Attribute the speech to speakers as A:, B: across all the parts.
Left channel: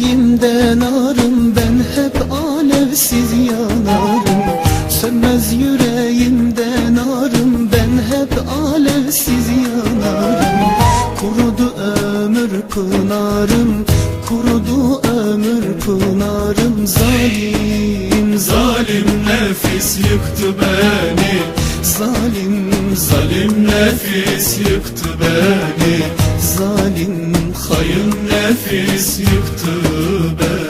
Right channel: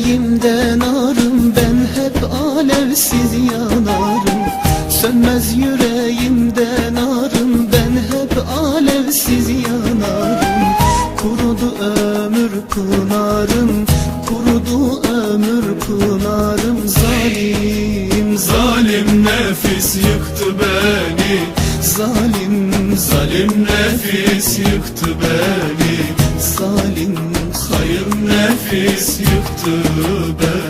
A: yüreğimden
B: arım ben hep alevsiz yanarım. Sönmez yüreğimden arım ben hep alevsiz yanarım. Kurudu ömür pınarım kurudu ömür pınarım Zalim zalim nefis yıktı beni.
A: Zalim zalim nefis yıktı beni.
B: Zalim Sayın nefis yıktı beni.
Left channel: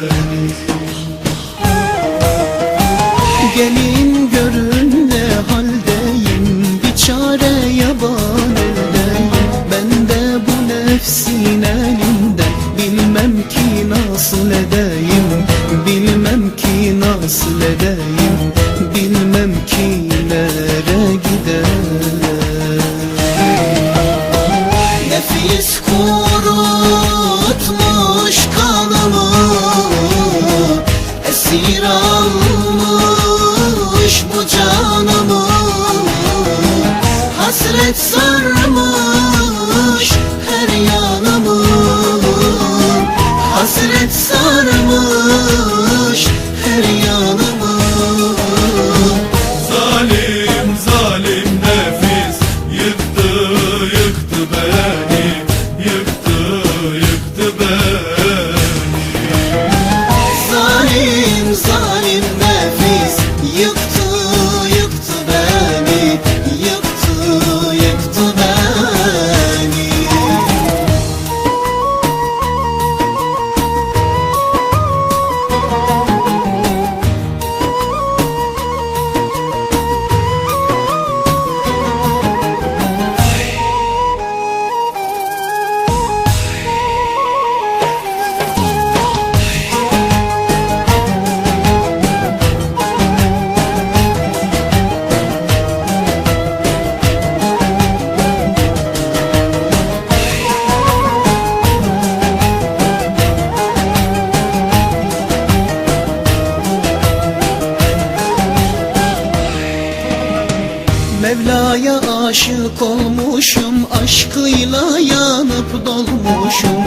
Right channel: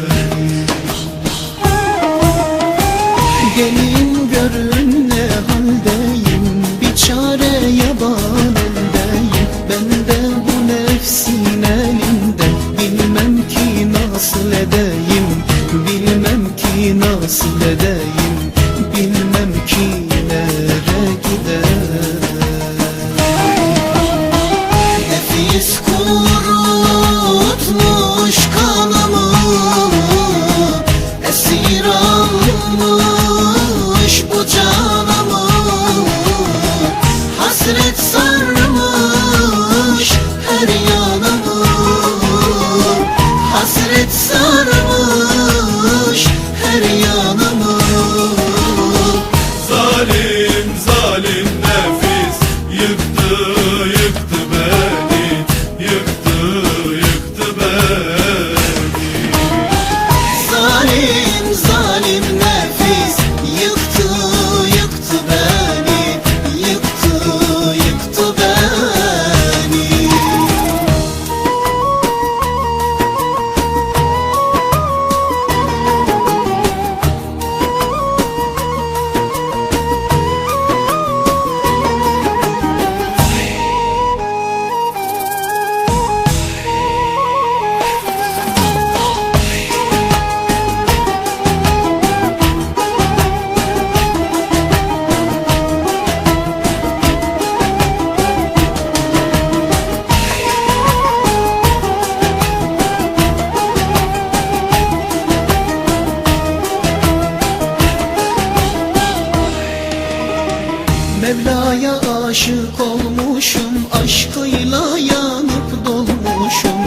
B: Mevla'ya aşık olmuşum Aşkıyla yanıp dolmuşum.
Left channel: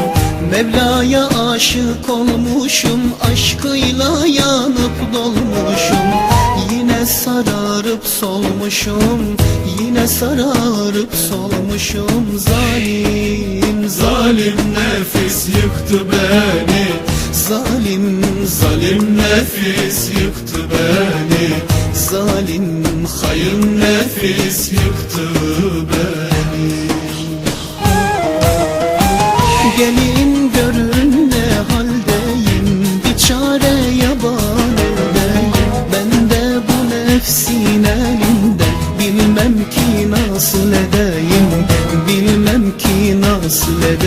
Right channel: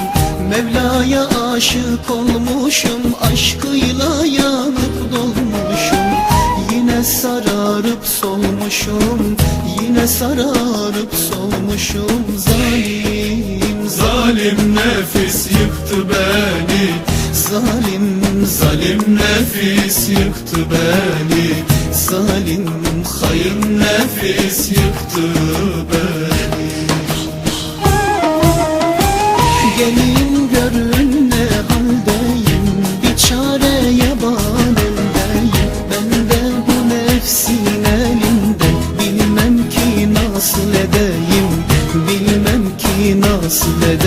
B: Mevla'ya aşık olmuşum Aşkıyla nasıl edeyim Bilmem ki nasıl edeyim